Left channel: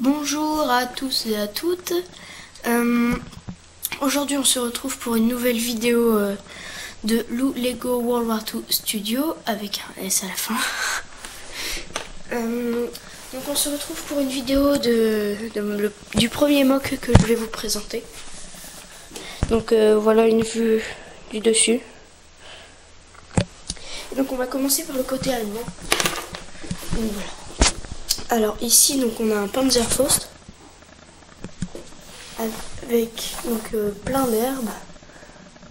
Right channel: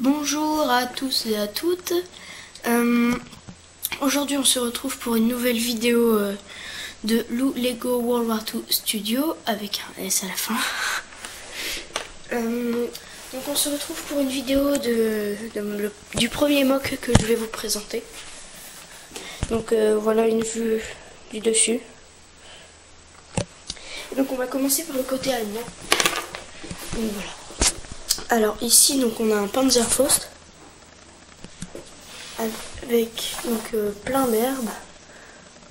Bonjour à tous et à toutes. Aujourd'hui on se retrouve pour une nouvelle vidéo de Lego World War II Studio avec un S à la fin. Donc on se retrouve pour une vidéo du premier mock que je vais vous présenter. Donc voilà une vue du dessus. Donc on va commencer par le côté allemand. Donc voilà. Alors ici donc on a un Panzerfaust avec plein d'herbes,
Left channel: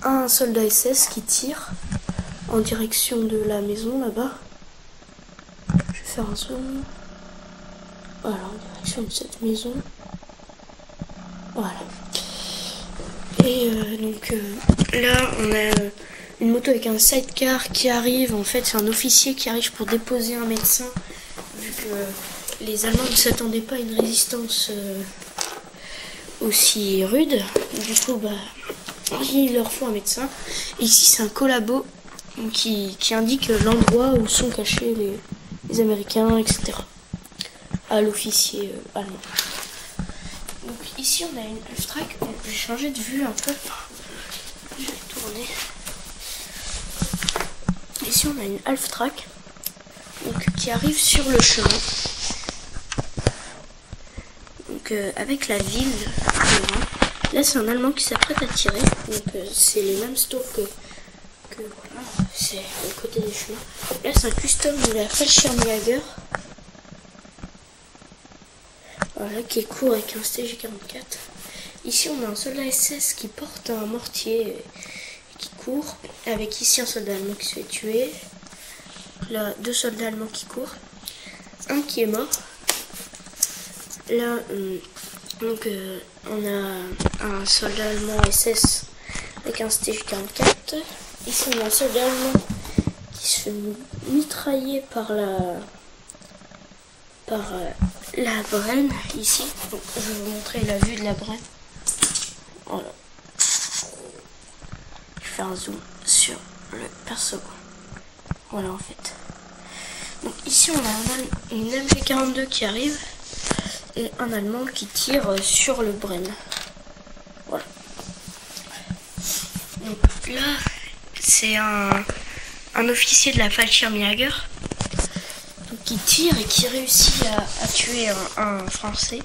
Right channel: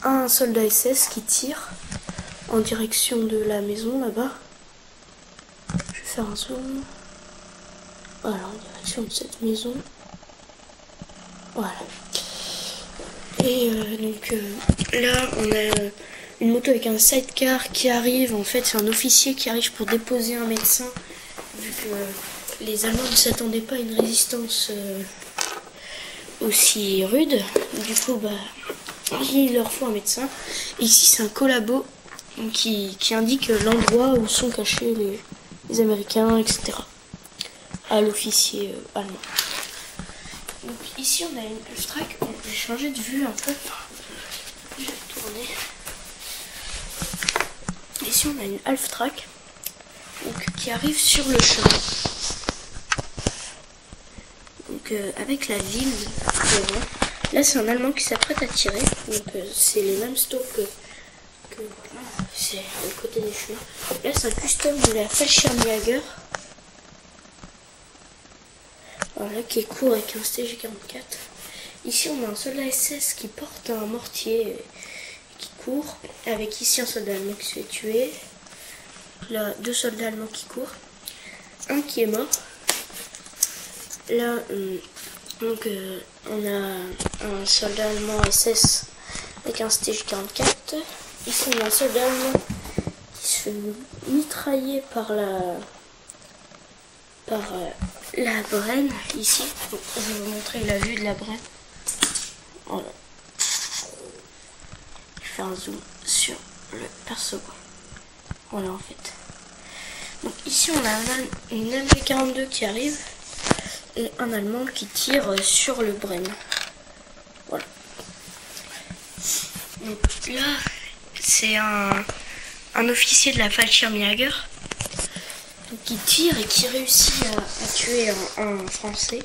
un soldat SS qui tire en direction de la maison là-bas. Je vais faire un zoom. Voilà, en direction de cette maison. Voilà. Et là on a une moto avec un sidecar qui arrive. En fait c'est un officier qui arrive pour déposer un médecin, vu que les Allemands ne s'attendaient pas à une résistance aussi rude. Du coup il leur faut un médecin. Et ici c'est un collabo qui indique l'endroit où sont cachés les Américains, etc. à l'officier allemand. Donc ici on a une Halftrack. Je vais changer de vue un peu. Je vais tourner. Ici on a une Halftrack qui arrive sur le chemin. Donc avec la ville devant. Là c'est un Allemand qui s'apprête à tirer. Donc c'est les mêmes stocks que voilà. C'est à côté des chemins. Là c'est un custom de la Fallschirmjäger. Voilà, qui est court avec un STG-44. Ici on a un soldat SS qui porte un mortier et qui court. Avec ici un soldat allemand qui se fait tuer. Là, deux soldats allemands qui courent. Un qui est mort. Là, on a un soldat allemand SS avec un STG-44. Ici on a un soldat allemand qui se fait mitrailler par la Bren ici. Donc, je vais vous montrer la vue de la Bren. Voilà. Je vais faire un zoom sur le perso. Voilà en fait. Donc ici on a une MG42 qui arrive et un Allemand qui tire sur le Bren. Voilà. Donc là c'est un officier de la Fallschirmjäger qui tire et qui réussit à tuer un Français.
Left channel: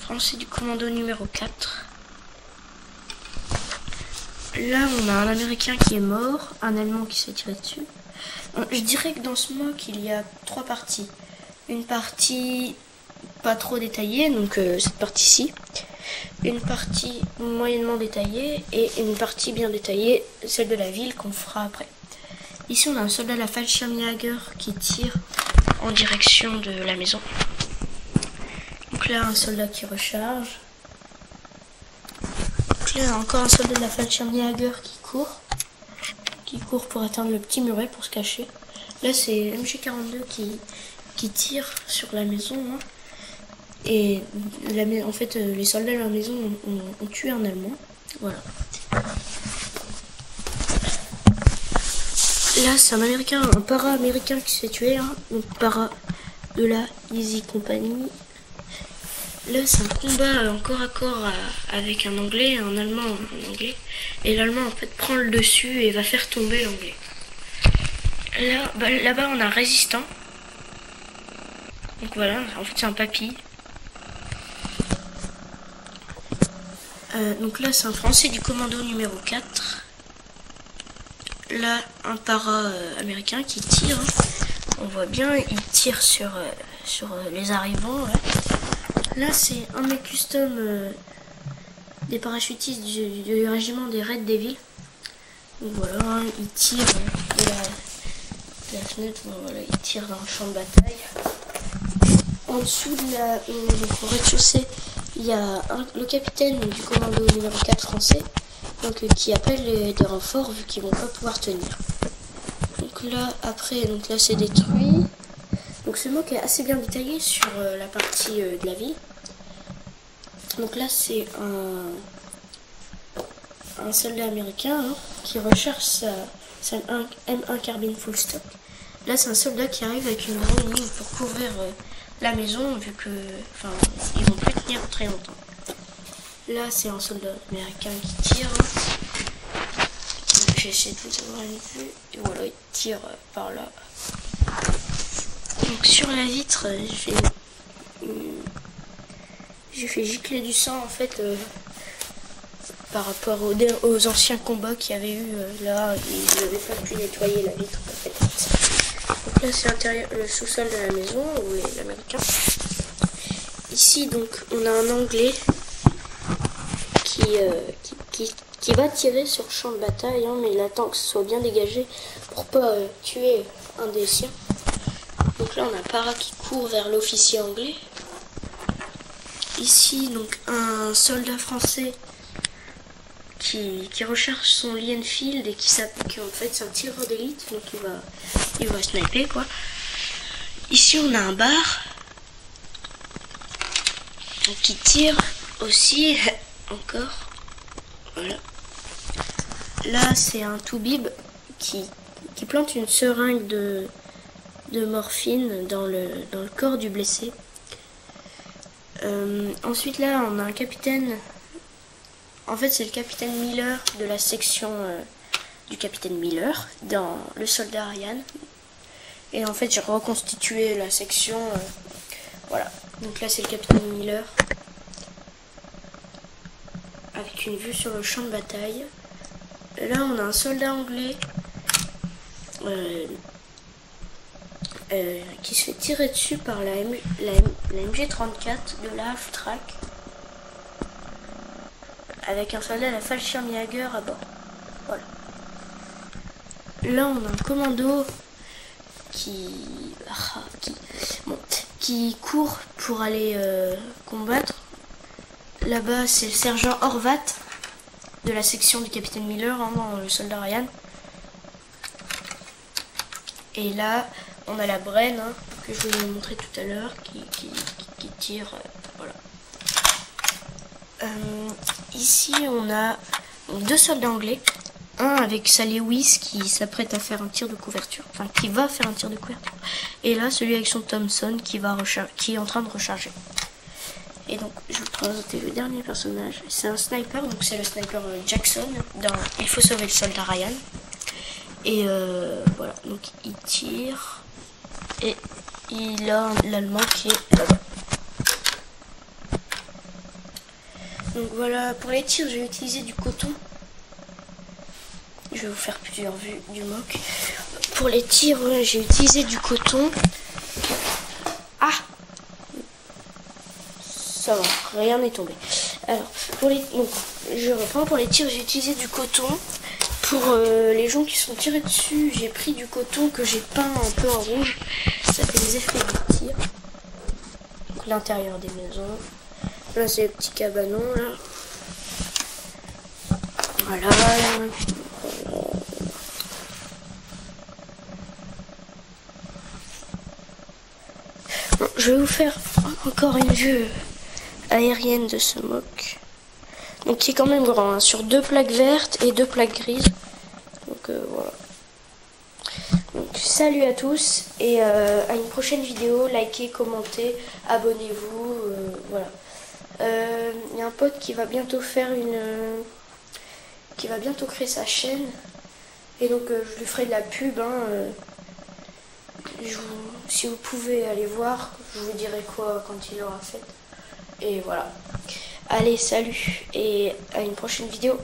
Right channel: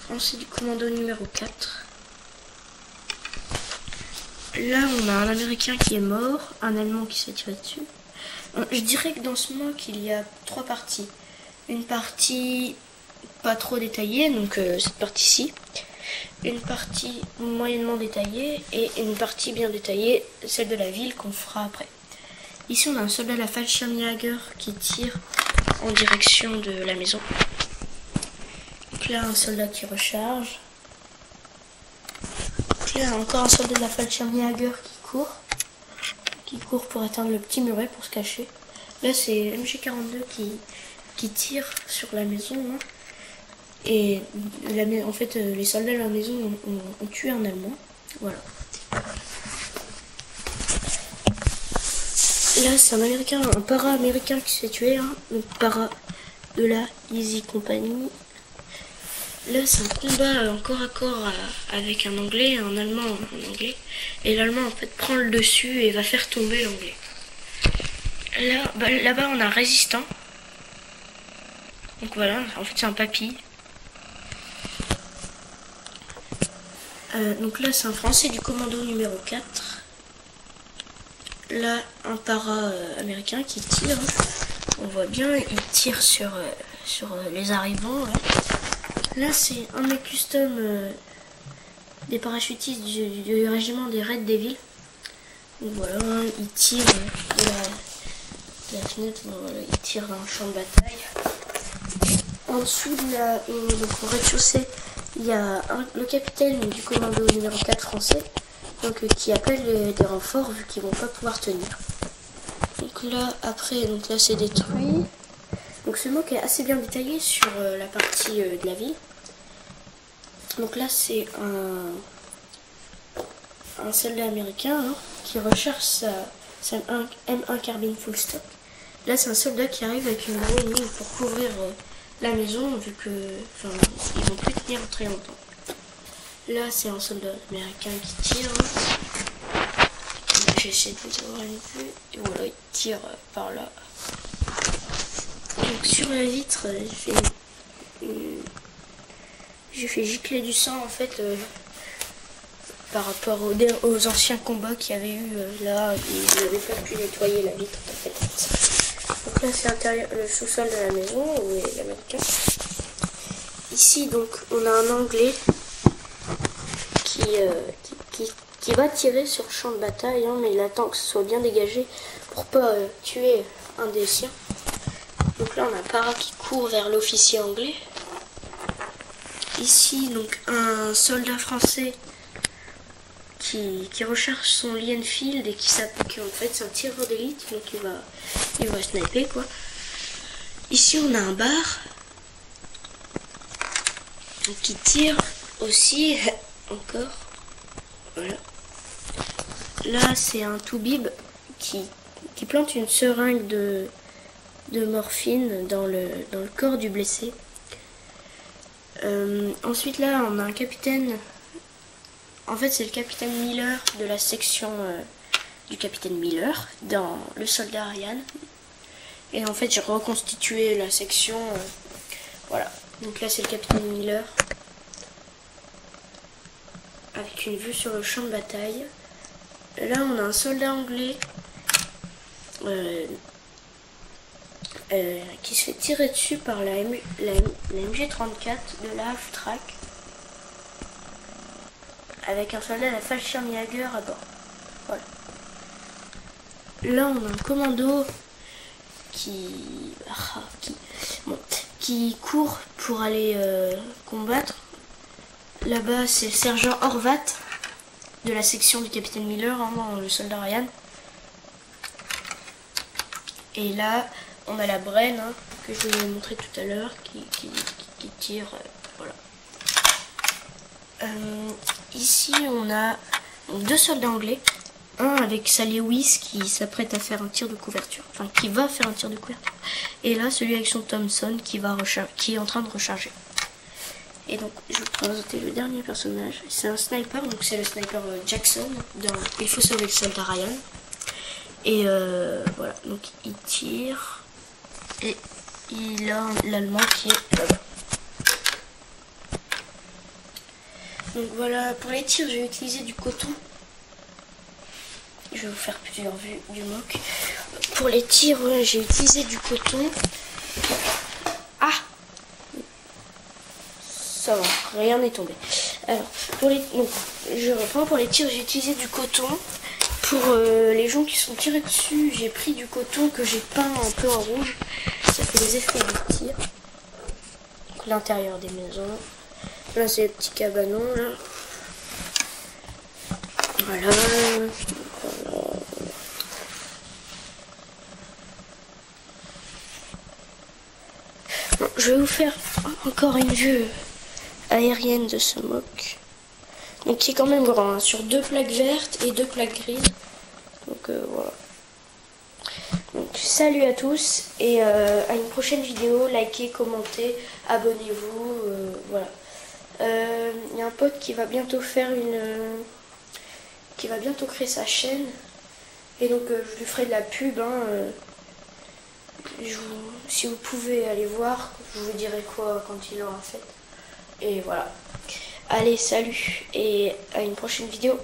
Français du commando numéro 4. Là on a un Américain qui est mort, un Allemand qui s'est tiré dessus. Je dirais que dans ce mock il y a trois parties. Une partie pas trop détaillée, donc cette partie-ci. Une partie moyennement détaillée et une partie bien détaillée, celle de la ville qu'on fera après. Ici on a un soldat de la Fallschirmjäger qui tire en direction de la maison. Donc là un soldat qui recharge. Donc là encore un soldat de la Fallschirmjäger qui court pour atteindre le petit muret pour se cacher. Là c'est MG42 qui tire sur la maison. Hein. Et en fait les soldats de la maison ont tué un Allemand. Voilà. Là c'est un Américain, un para-américain qui s'est tué. Hein. Donc para de la Easy Company. Là c'est un combat encore à corps avec un Anglais, un Allemand, un Anglais. Et l'Allemand en fait prend le dessus et va faire tomber l'Anglais. Là-bas on a un résistant. Donc voilà, en fait c'est un papy. Donc là c'est un Français du commando numéro 4. Là un para-américain qui tire. On voit bien, il tire sur les arrivants. Ouais. Là c'est un mec custom des parachutistes du régiment des Red Devils. Donc voilà, il tire de la fenêtre, voilà, il tire dans le champ de bataille. En dessous donc au rez-de-chaussée, il y a le capitaine du commando numéro 4 français, qui appelle des renforts vu qu'ils vont pas pouvoir tenir. Donc là après, là c'est détruit. Donc ce mock est assez bien détaillé sur la partie de la ville. Donc là c'est un soldat américain qui recherche sa M1 carbine full stock. Là c'est un soldat qui arrive avec une drone pour couvrir la maison, vu que, enfin, ils vont plus tenir très longtemps. Là, c'est un soldat américain qui tire. J'essaie de vous avoir une vue. Et voilà, il tire par là. Donc sur la vitre, j'ai fait gicler du sang en fait par rapport aux anciens combats qu'il y avait eu là. Ils n'avaient pas pu nettoyer la vitre en fait. Donc là, c'est le sous-sol de la maison où est l'américain. Ici, donc, on a un Anglais qui va tirer sur le champ de bataille, hein, mais il attend que ce soit bien dégagé pour pas tuer un des siens. Donc là, on a Para qui court vers l'officier anglais. Ici, donc, un soldat français qui recharge son Lee Enfield et qui en fait c'est un tireur d'élite, donc il va sniper quoi. Ici, on a un bar qui tire aussi encore. Voilà. Là, c'est un toubib qui plante une seringue de morphine dans le corps du blessé. Ensuite, là, on a un capitaine. En fait, c'est le capitaine Miller de la section du capitaine Miller dans Le Soldat Ryan. Et en fait, j'ai reconstitué la section. Voilà. Donc là, c'est le capitaine Miller avec une vue sur le champ de bataille. Là, on a un soldat anglais qui se fait tirer dessus par la MG34 de la Half-Track avec un soldat de la Fallschirmjäger à bord. Voilà. Là, on a un commando qui court pour aller combattre. Là-bas, c'est le sergent Horvat de la section du capitaine Miller, hein, dans Le Soldat Ryan. Et là, on a la Bren, hein, que je vous ai montré tout à l'heure, qui tire. Voilà. Ici, on a deux soldats anglais. Un avec sa Lewis qui s'apprête à faire un tir de couverture. Enfin, qui va faire un tir de couverture. Et là, celui avec son Thompson qui est en train de recharger. Et donc, je vais vous présenter le dernier personnage. C'est un sniper, donc c'est le sniper Jackson dans Il faut sauver le soldat Ryan. Et voilà, donc il tire. Et il a l'Allemand qui est là-bas. Donc voilà, pour les tirs, j'ai utilisé du coton. Je vais vous faire plusieurs vues du mock. Pour les tirs, j'ai utilisé du coton. Ah! Ça va, rien n'est tombé. Alors, je reprends. Pour les tirs, j'ai utilisé du coton. Pour les gens qui sont tirés dessus, j'ai pris du coton que j'ai peint un peu en rouge. Ça fait des effets de tir. Donc l'intérieur des maisons. Là, c'est les petits cabanons, là. Voilà. Bon, je vais vous faire encore une vue aérienne de ce mock. Donc qui est quand même grand, hein, sur 2 plaques vertes et 2 plaques grises. Donc voilà. Donc salut à tous et à une prochaine vidéo. Likez, commentez, abonnez-vous. Voilà. Il y a un pote qui va bientôt faire qui va bientôt créer sa chaîne. Et donc je lui ferai de la pub. Hein, si vous pouvez aller voir, je vous dirai quoi quand il l'aura fait. Et voilà. Allez, salut et à une prochaine vidéo.